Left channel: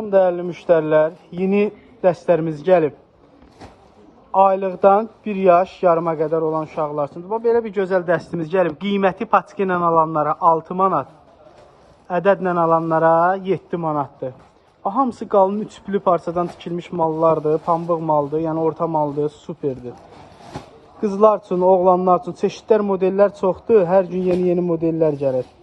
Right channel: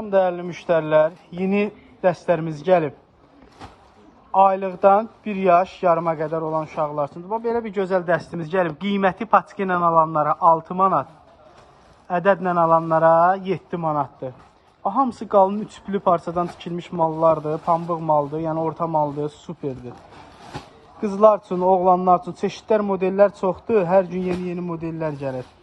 Salam değerli müşteriler, yeni dəstlərimiz gəlib. Aylıqdan 1 yaş yarıma qədər olan uşaqlar üçün. Belə bir gözəl dəstimiz gəlib. Qiyməti paçka ilə alanlara 6 manat, ədədlə alanlara 7 manatdır. Hamısı qalın üçlü parçadan tikilmiş mallardır, pambıq maldır, yəni orta maldır, süperdir. Qızlar üçün, oğlanlar üçün çeşidlər, modellər çoxdur. Hər gün yeni modellər gəlir.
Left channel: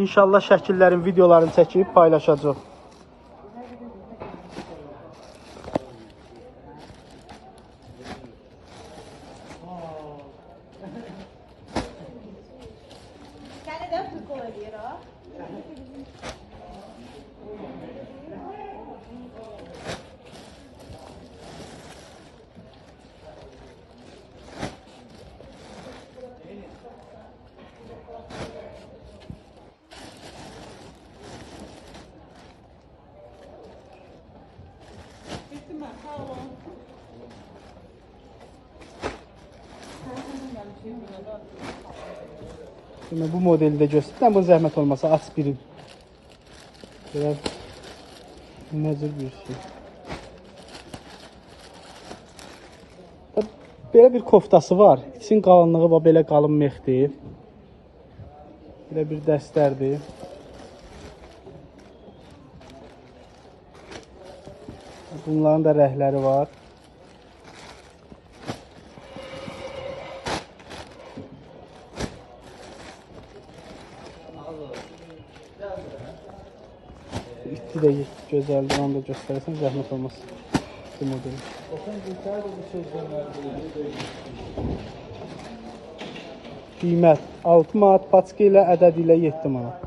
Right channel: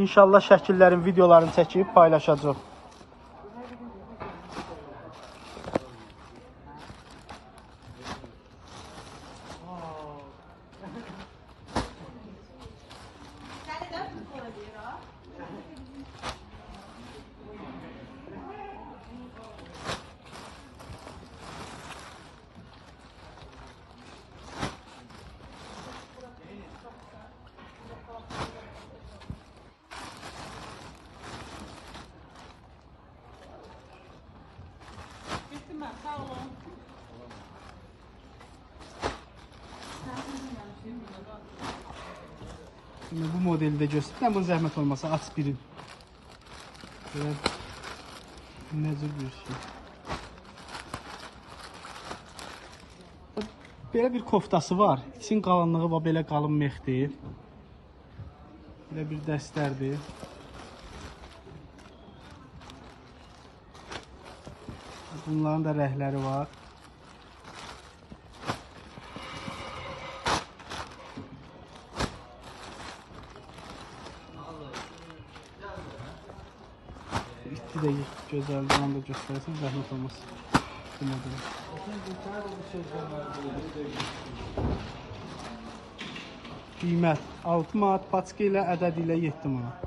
İnşallah şəkillərin, videolarını çəkib paylaşacaq. Şimdi bu modeli de göstereyim. Bu zahmet olmasa aspirin. Biraz nezir bir şey. Böyle bir koftası var. İçin qalınlığı var, belə qalın mexdir. Belə bir dəstərdir. Bunların da rəhləri var. İti de gözəldir, onu da göstərəsən, zəhmət olmaz. Bu modeli. Qiymət 6 manat, paçka ilə ədəd ilə 7 manat.